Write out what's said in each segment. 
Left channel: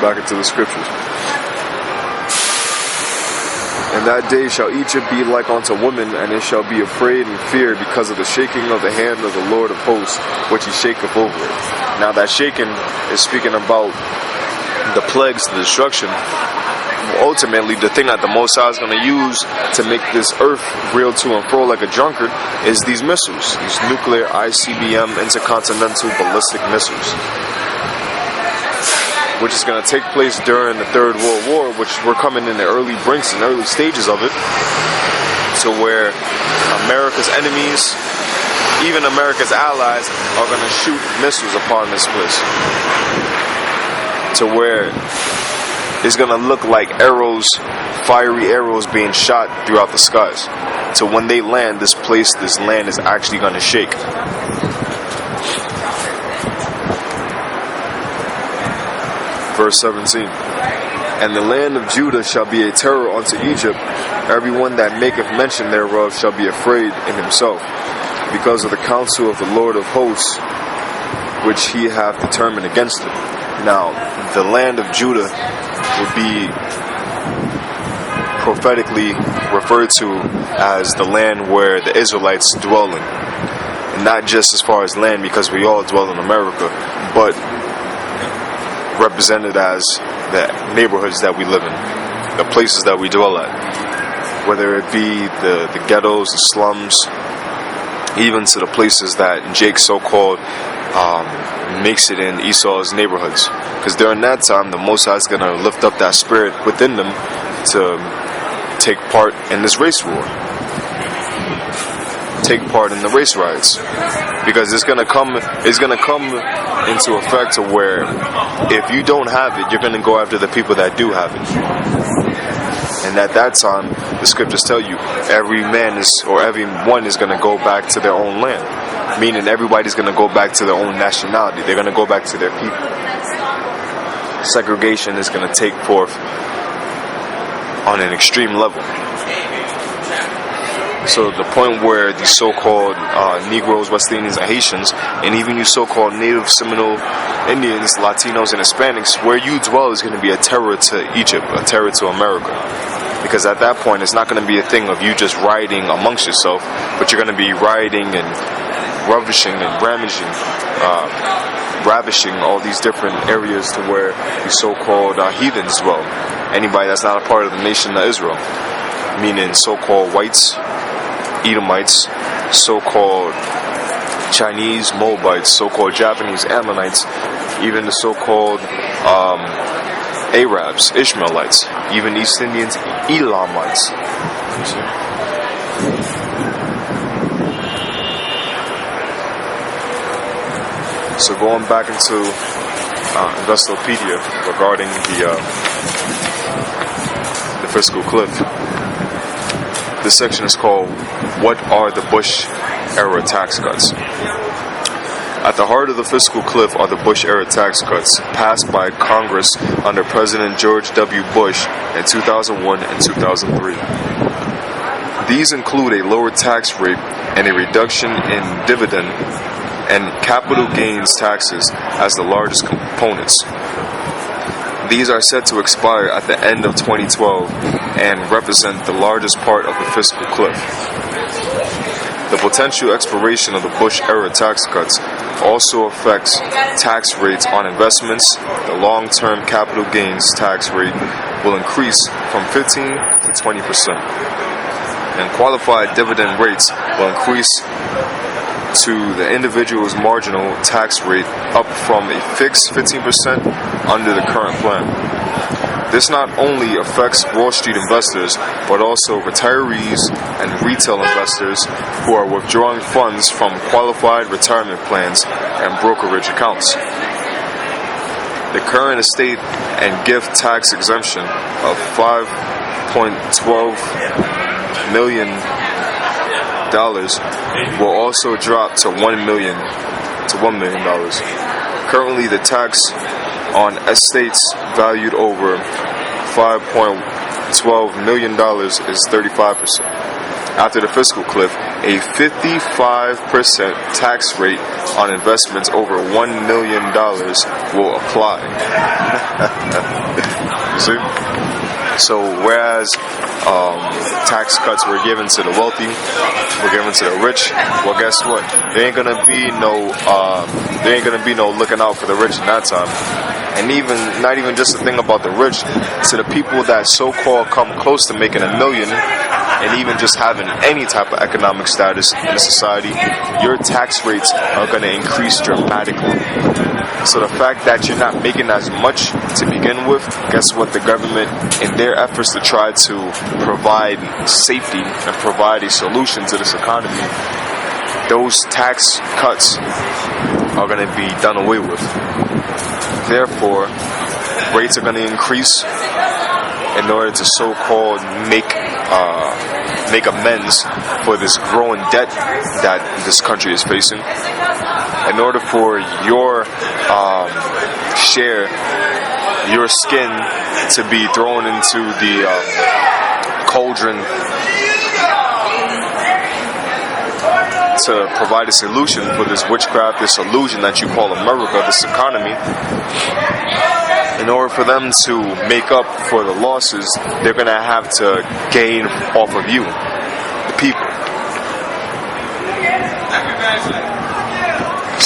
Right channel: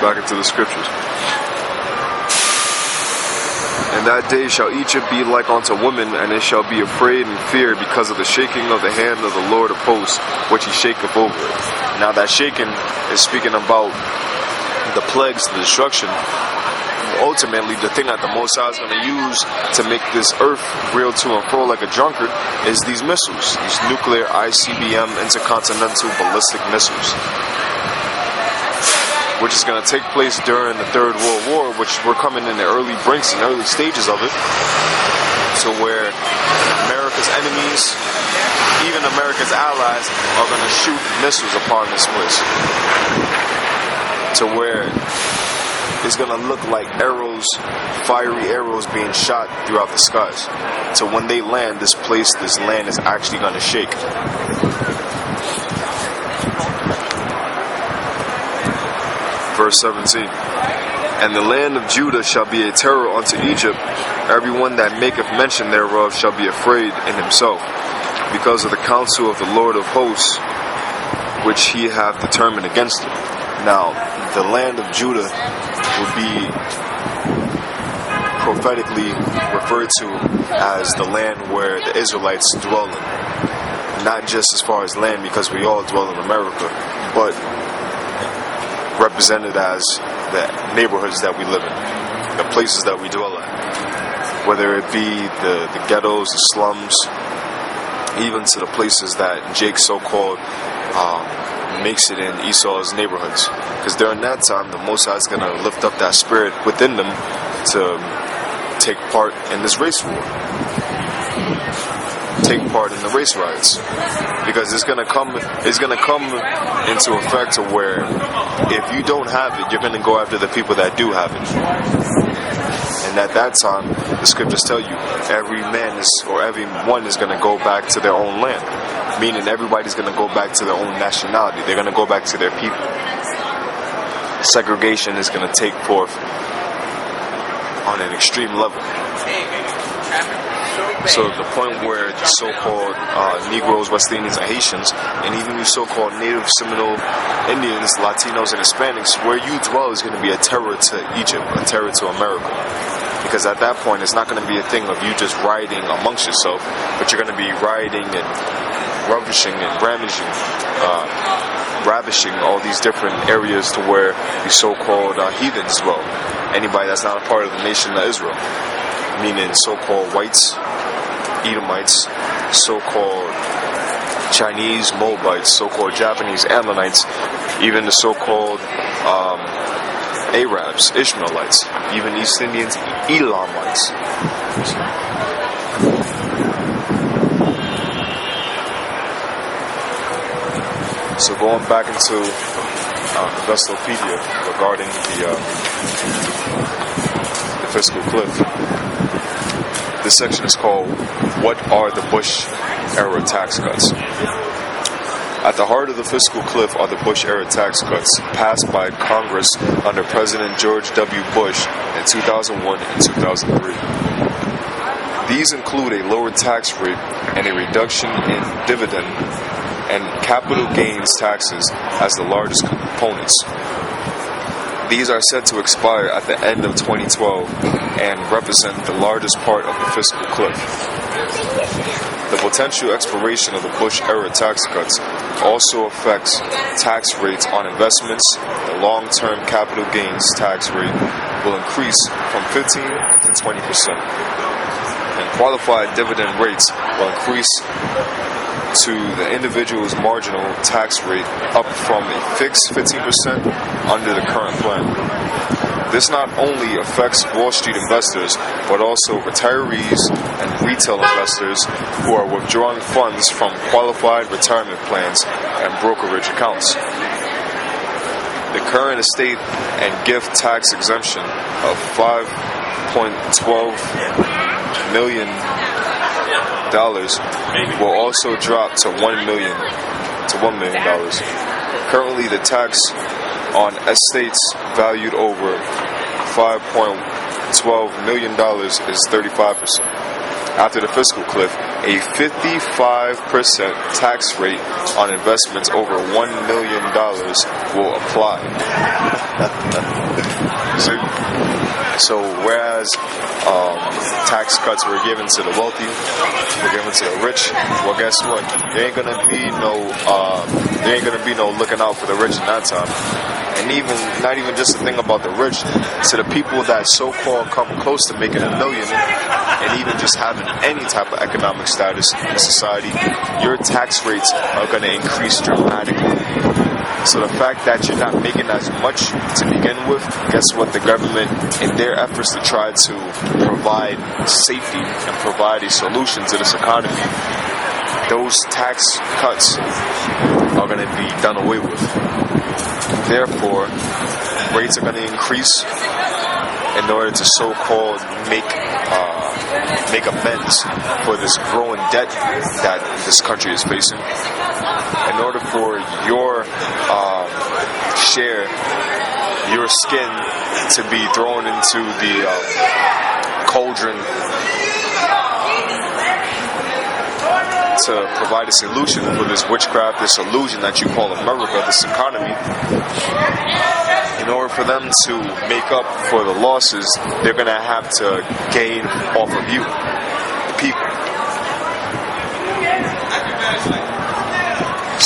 Back into the scriptures. And that day shall Egypt be like unto women, and it shall be afraid and fear because of the shaking of the hand of the Lord of hosts, which he shaketh over it. Now that shaking is speaking about the plagues, the destruction. Ultimately, the thing that the Most High is going to use to make this earth reel to and fro like a drunkard is these missiles, these nuclear ICBM, intercontinental ballistic missiles, which is going to take place during the Third World War, which we're coming in the early brinks and early stages of it, to where America's enemies, even America's allies, are going to shoot missiles upon this place, to where it's going to look like arrows, fiery arrows being shot throughout the skies. So when they land, this land is actually going to shake. Verse 17. And the land of Judah shall be a terror unto Egypt. Everyone that maketh mention thereof shall be afraid in himself, because of the counsel of the Lord of hosts, which he hath determined against it. Now, the land of Judah would be prophetically referred to as the land where the Israelites dwell in. Not just as far as land, because we all dwell in America, but represented as the neighborhoods that we live in, the places that we dwell at, whether it be the ghettos, the slums, even to the places that Jake so-called makes it in Esau's neighborhoods. Because during that time, the Most High is going to lift up that spirit within them to take part in this race war, take part in the race riots, because it's going to come into effect to where if you don't have it, you're going to go after the people that do have it. And at that time, the scriptures tell you everyone is going to go back to their own land, meaning everybody's going to go back to their own nationality. They're going to go back to their people. Segregation is going to take forth on an extreme level. So the point where the so-called Negroes, West Indians, and Haitians, and even you so-called Native Seminole Indians, Latinos, and Hispanics, where you dwell is going to be a terror to Egypt, a terror to America. Because at that point, it's not going to be a thing of you just rioting amongst yourself, but you're going to be rioting and ravishing all these different areas to where the so-called heathens dwell. Anybody that's not a part of the nation of Israel, meaning so-called whites, Edomites, so-called Chinese, Moabites, so-called Japanese, Ammonites, even the so-called Arabs, Ishmaelites, even East Indians, Elamites. So going back into Investopedia regarding the fiscal cliff, this section is called "What are the Bush-era tax cuts?" At the heart of the fiscal cliff are the Bush-era tax cuts passed by Congress under President George W. Bush in 2001 and 2003. These include a lower tax rate and a reduction in dividend and capital gains taxes as the largest components. These are set to expire at the end of 2012 and represent the largest part of the fiscal cliff. The potential expiration of the Bush-era tax cuts also affects tax rates on investments. The long-term capital gains tax rate will increase from 15 to 20%. And qualified dividend rates will increase to the individual's marginal tax rate up from a fixed 15% under the current plan. This not only affects Wall Street investors, but also retirees and retail investors who are withdrawing funds from qualified retirement plans and brokerage accounts. The current estate and gift tax exemption of $5.12 million will also drop to $1 million. Currently, the tax on estates valued over $5.12 million is 35%. after the fiscal cliff, a 55% tax rate on investments over $1 million will apply. You see? So whereas tax cuts were given to the wealthy, were given to the rich, well, guess what? There ain't gonna be no looking out for the rich in that time. And not even just the thing about the rich, to the people that so-called come close to making $1 million, and even just having any type of economic status in a society, your tax rates are going to increase dramatically. So the fact that you're not making as much to begin with, guess what? The government, in their efforts to try to provide safety and provide a solution to this economy, those tax cuts are going to be done away with. Therefore, rates are going to increase in order to so-called make amends for this growing debt that this country is facing. In order for your your skin to be thrown into the cauldron to provide a solution for this witchcraft, this illusion that you call America, this economy. In order for them to make up for the losses, they're going to have to gain off of you, the people.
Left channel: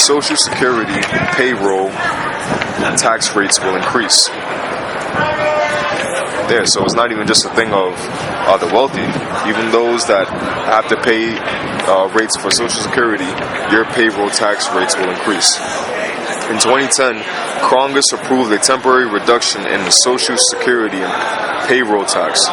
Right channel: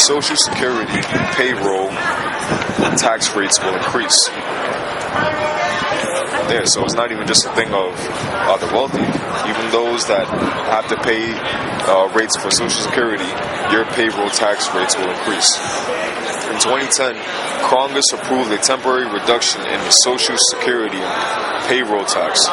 Social Security, payroll, tax rates will increase. There, so it's not even just a thing of the wealthy. Even those that have to pay rates for Social Security, your payroll tax rates will increase. In 2010, Congress approved a temporary reduction in the Social Security and payroll tax.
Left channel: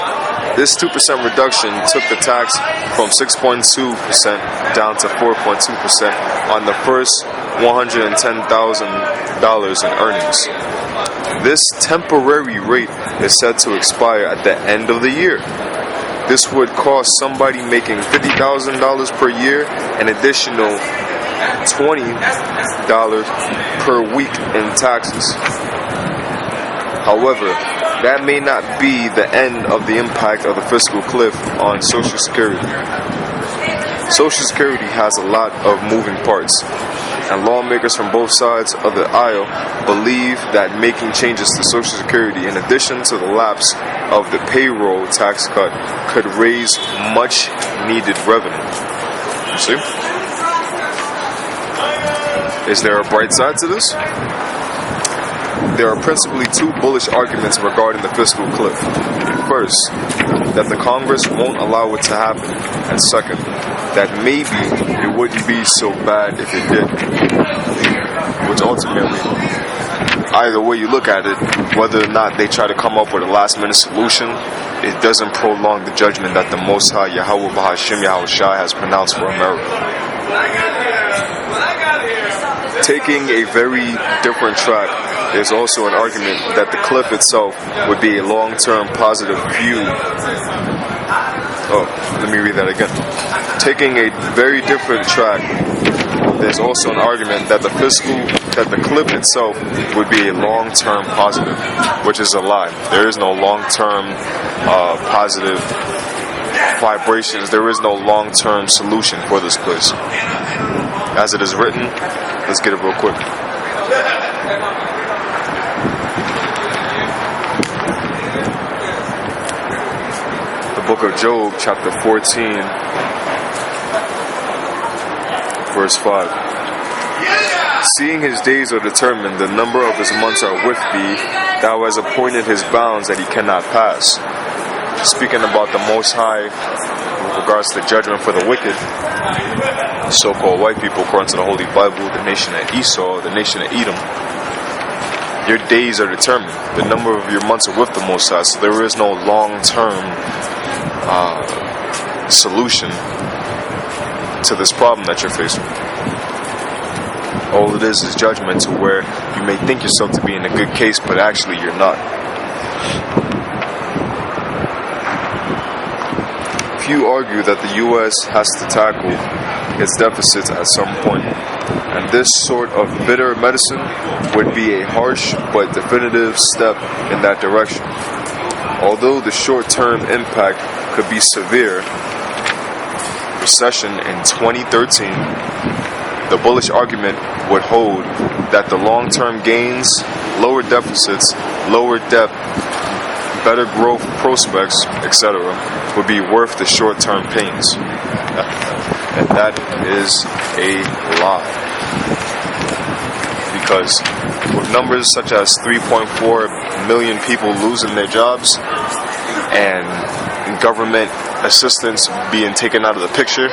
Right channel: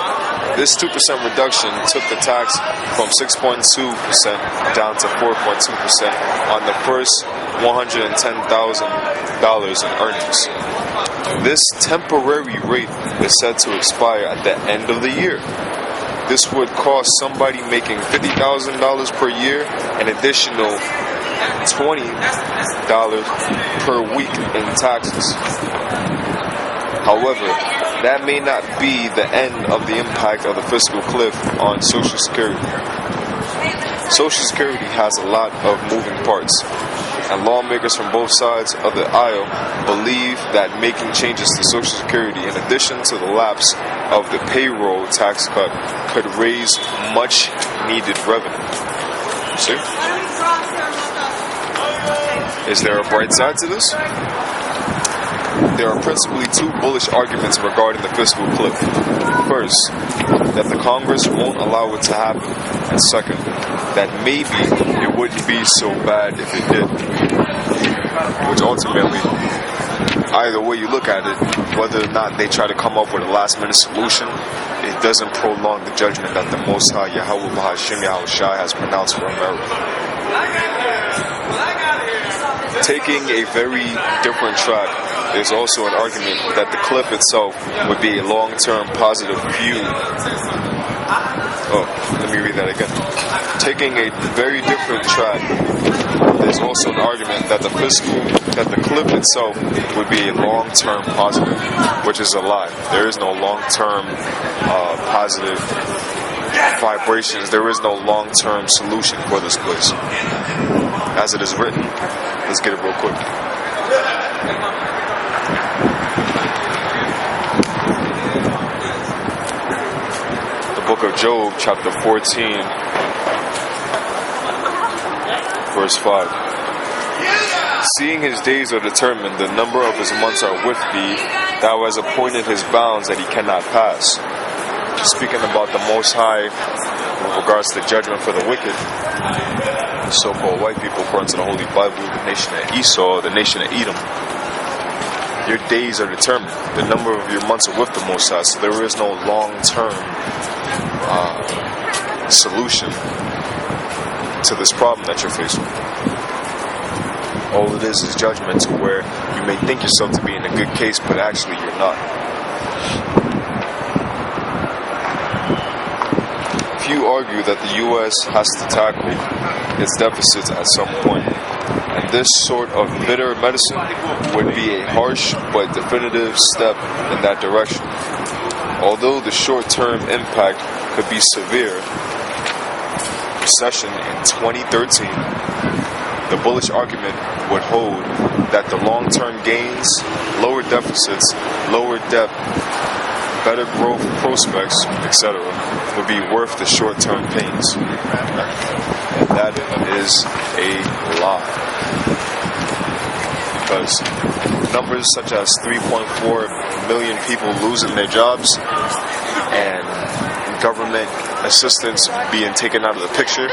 This 2% reduction took the tax from 6.2% down to 4.2% on the first $110,000 in earnings. This temporary rate is set to expire at the end of the year. This would cost somebody making $50,000 per year an additional $20 per week in taxes. However, that may not be the end of the impact of the fiscal cliff on Social Security. Social Security has a lot of moving parts, and lawmakers from both sides of the aisle believe that making changes to Social Security, in addition to the lapse of the payroll tax cut, could raise much needed revenue. See? Is there a bright side to this? There are principally two bullish arguments regarding the fiscal cliff. First, that the Congress won't allow it to happen, and second, that maybe it wouldn't be so bad if it did. Which ultimately, either way you look at it, whether or not they try to come up with a last-minute solution, it doesn't prolong the judgment that the Most High Yahweh Bahashim Yahushai has pronounced for America. Taking a very different track, there's also an argument that the cliff itself would be a long-term positive view. Oh, let me read that again. Taking a very different track, there's also an argument that the cliff itself would be a long-term positive, which is a lie. There is no long-term positive vibrations. There is no long-term solution for this place. As it is written, let's get it real quick. The book of Job, chapter 14, verse 5. Seeing his days are determined, the number of his months are with thee, thou hast appointed his bounds that he cannot pass. Speaking about the Most High with regards to judgment for the wicked, so-called white people, according to the Holy Bible, the nation of Esau, the nation of Edom, your days are determined. The number of your months are with the Most High, so there is no long-term solution to this problem that you're facing. All it is judgment, to where you may think yourself to be in a good case, but actually you're not. Few argue that the U.S. has to tackle its deficits at some point, and this sort of bitter medicine would be a harsh but definitive step in that direction. Although the short-term impact could be severe, recession in 2013, the bullish argument would hold that the long-term gains, lower deficits, lower debt, better growth prospects, etc., would be worth the short-term pains. And that is a lie. Because with numbers such as 3.4 million people losing their jobs and government assistance being taken out of the picture,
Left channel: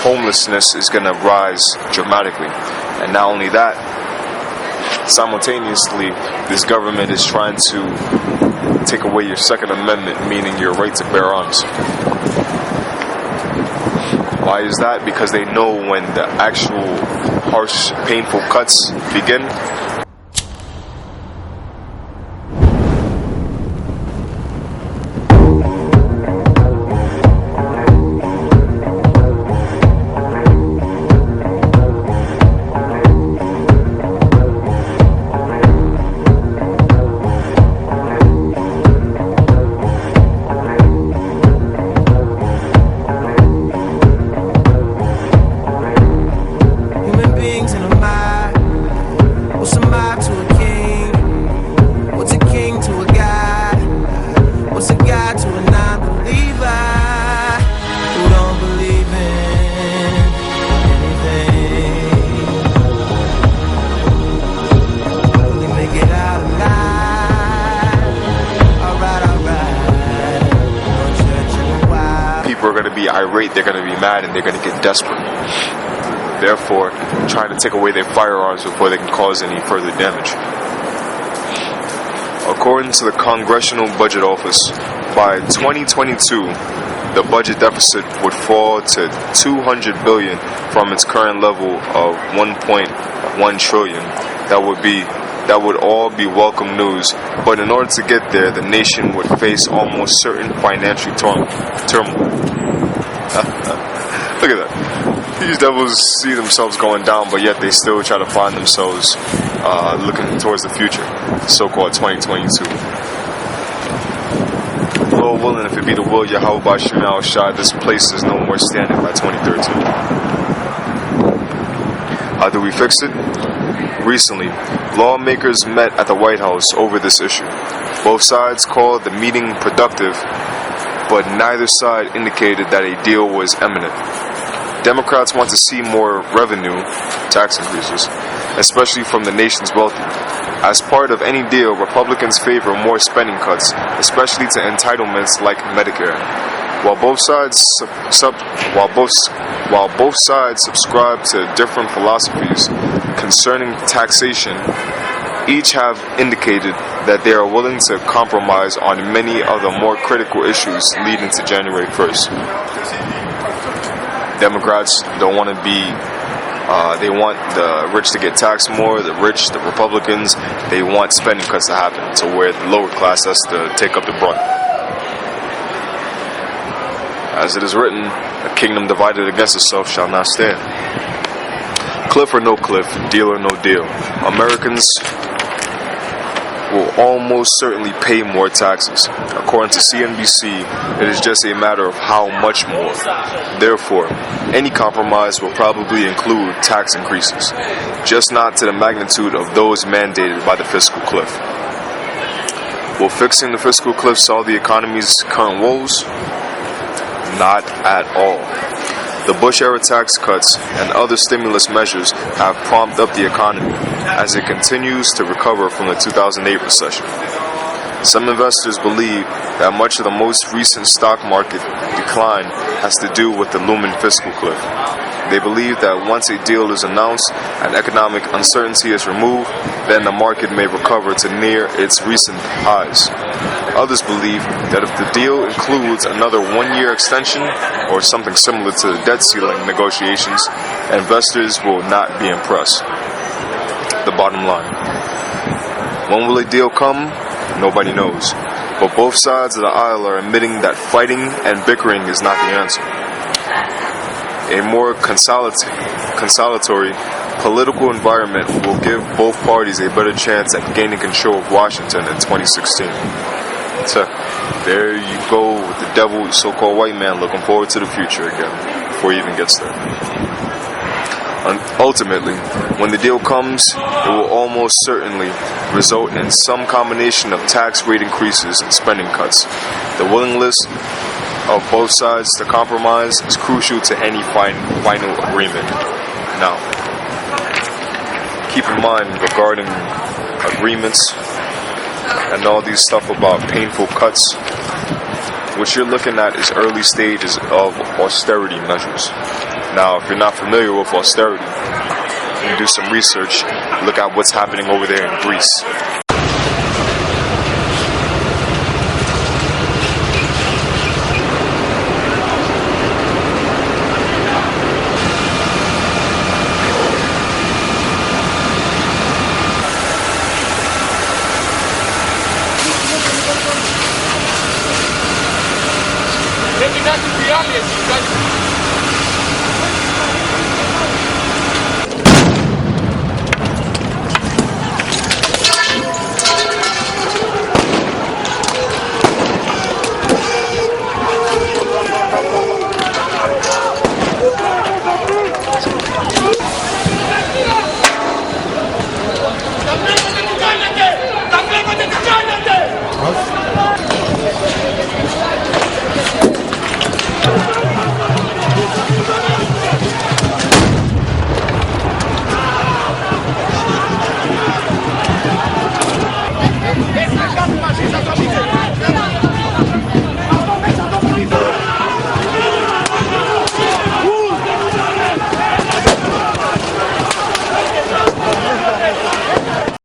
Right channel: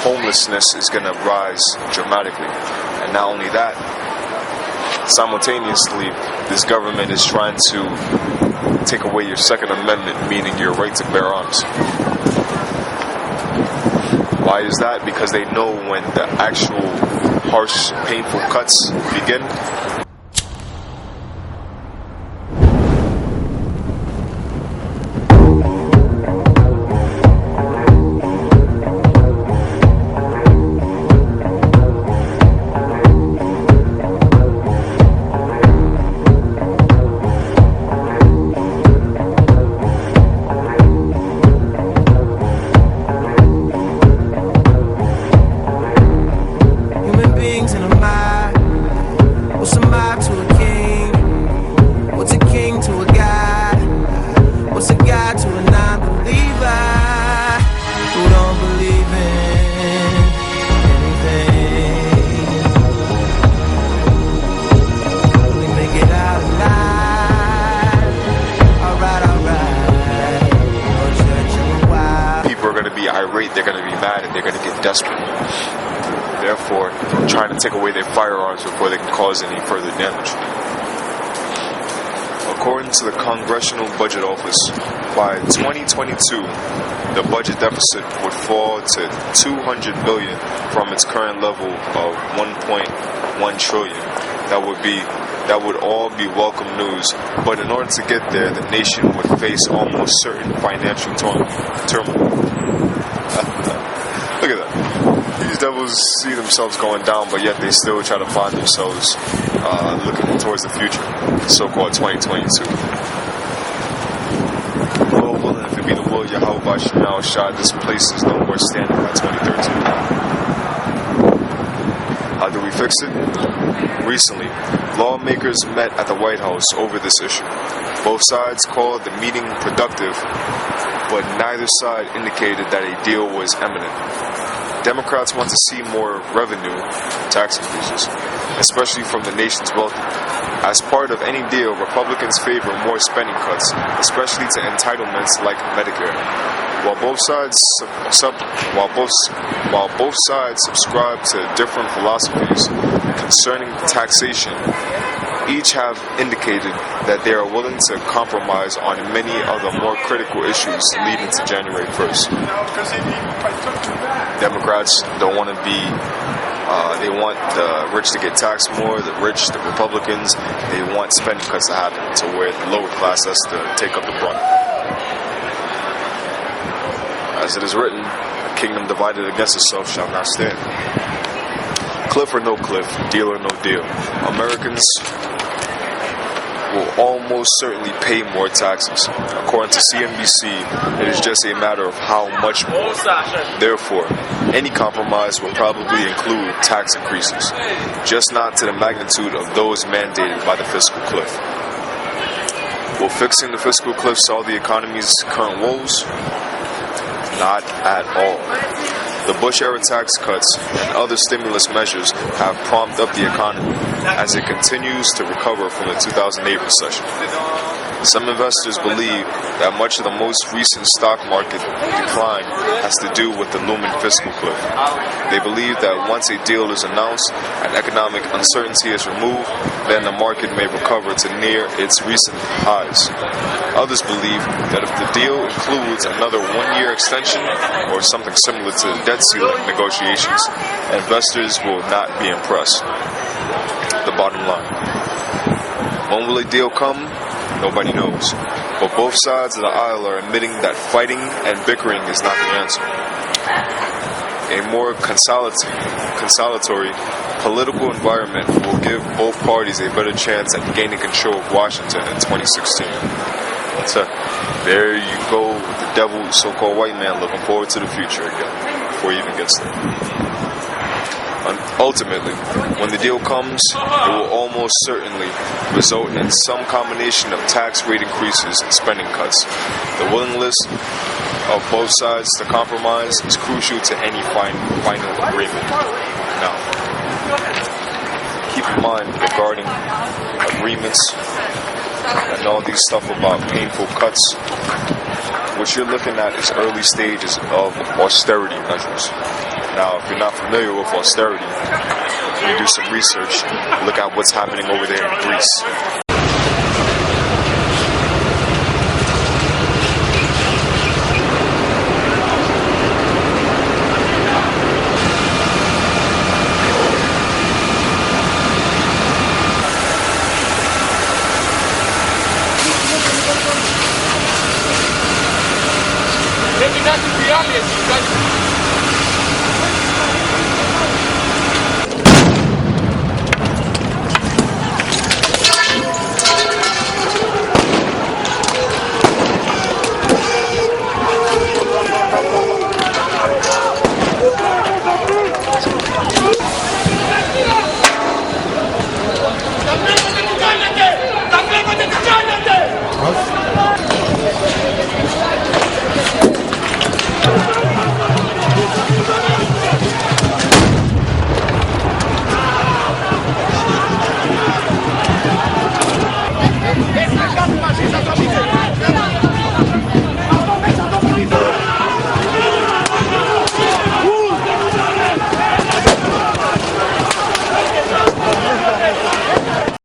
homelessness is going to rise dramatically. And not only that, simultaneously, this government is trying to take away your Second Amendment, meaning your right to bear arms. Why is that? Because they know when the actual harsh, painful cuts begin, irate, they're going to be mad, and they're going to get desperate. Therefore, trying to take away their firearms before they can cause any further damage. According to the Congressional Budget Office, by 2022, the budget deficit would fall to $200 billion from its current level of $1.1 trillion. That would all be welcome news, but in order to get there, the nation would face almost certain financial turmoil. Look at that. These devils see themselves going down, but yet they still try to find themselves looking towards the future, so-called 2022. Lord willing, if it be the will of Yahweh Bashim al-Shah, this place is no more standing by 2013. How do we fix it? Recently, lawmakers met at the White House over this issue. Both sides called the meeting productive, but neither side indicated that a deal was imminent. Democrats want to see more revenue, tax increases, especially from the nation's wealthy. As part of any deal, Republicans favor more spending cuts, especially to entitlements like Medicare. While both sides subscribe to different philosophies concerning taxation, each have indicated that they are willing to compromise on many of the more critical issues leading to January 1st. Democrats don't want to be, they want the rich to get taxed more, the Republicans, they want spending cuts to happen, to where the lower class has to take up the brunt. As it is written, a kingdom divided against itself shall not stand. Cliff or no cliff, deal or no deal, Americans will almost certainly pay more taxes. According to CNBC, it is just a matter of how much more. Therefore, any compromise will probably include tax increases, just not to the magnitude of those mandated by the fiscal cliff. Will fixing the fiscal cliff solve the economy's current woes? Not at all. The Bush-era tax cuts and other stimulus measures have pumped up the economy as it continues to recover from the 2008 recession. Some investors believe that much of the most recent stock market decline has to do with the looming fiscal cliff. They believe that once a deal is announced and economic uncertainty is removed, then the market may recover to near its recent highs. Others believe that if the deal includes another one-year extension or something similar to the debt ceiling negotiations, investors will not be impressed. The bottom line. When will a deal come? Nobody knows. But both sides of the aisle are admitting that fighting and bickering is not the answer. A more consolatory political environment will give both parties a better chance at gaining control of Washington in 2016. So, there you go with the devil, so-called white man, looking forward to the future again. before he even gets there. And ultimately, when the deal comes, it will almost certainly result in some combination of tax rate increases and spending cuts. The willingness of both sides to compromise is crucial to any final agreement. Now, keep in mind regarding agreements and all these stuff about painful cuts, what you're looking at is early stages of austerity measures. Now, if you're not familiar with austerity, you can do some research, look at what's happening over there in Greece. Πρέπει να την πειράτε εσείς.